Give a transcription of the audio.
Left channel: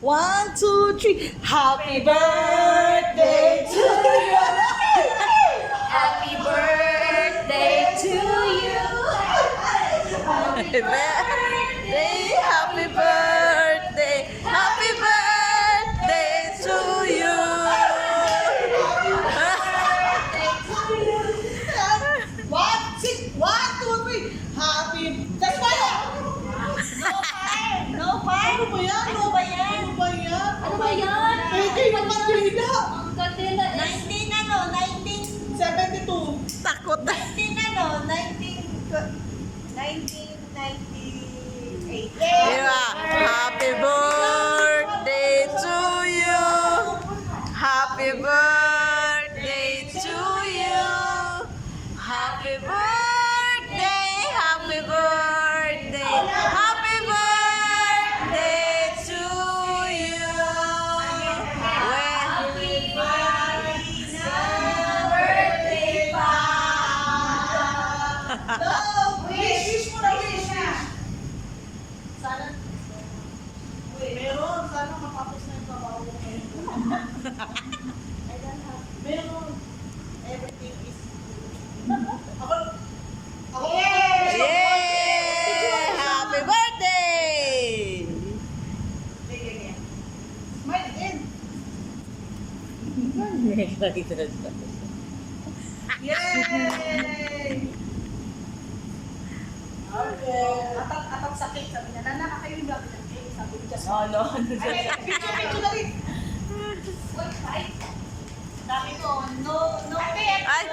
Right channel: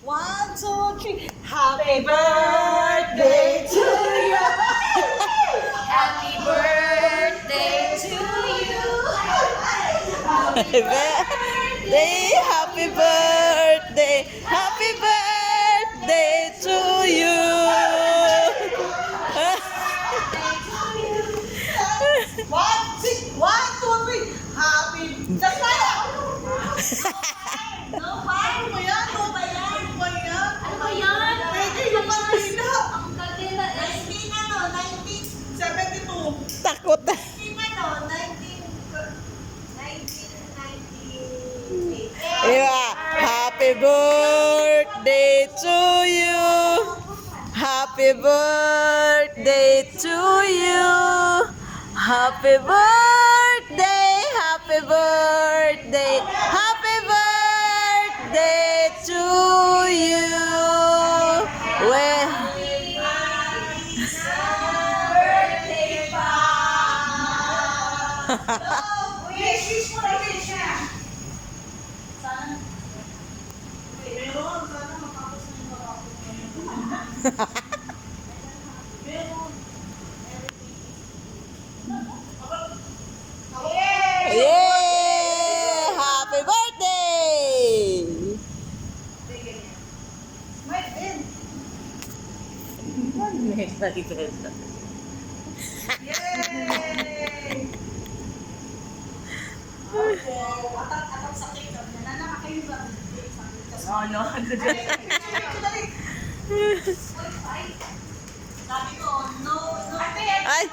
1, 2, 3. Happy birthday to you. Happy birthday to you. Happy birthday, happy birthday, happy birthday to you. One, six, 1, 2, 3. Happy. That's why. No pa? Ano ba yan? Ano ba yan? Ano ba yan? Ano ba yan? Pwede yung kanina. Ang kanina. 72. Takot na. 1998. Diba? Happy birthday to you. Happy birthday to you. Happy birthday, happy birthday, happy birthday to you. Well, Birthday pa! Wish mo na wish. Sana. Meron. Sana matapos na yung trabaho ko ngayon. Meron. Everything is Ako. yeah! Happy birthday! Smile din. Yay! Atang sakit. Sabi niya, Nana, kakayo ba? Sabi niya, Oh, no. picture na rin. Sabi ko, no, Ay!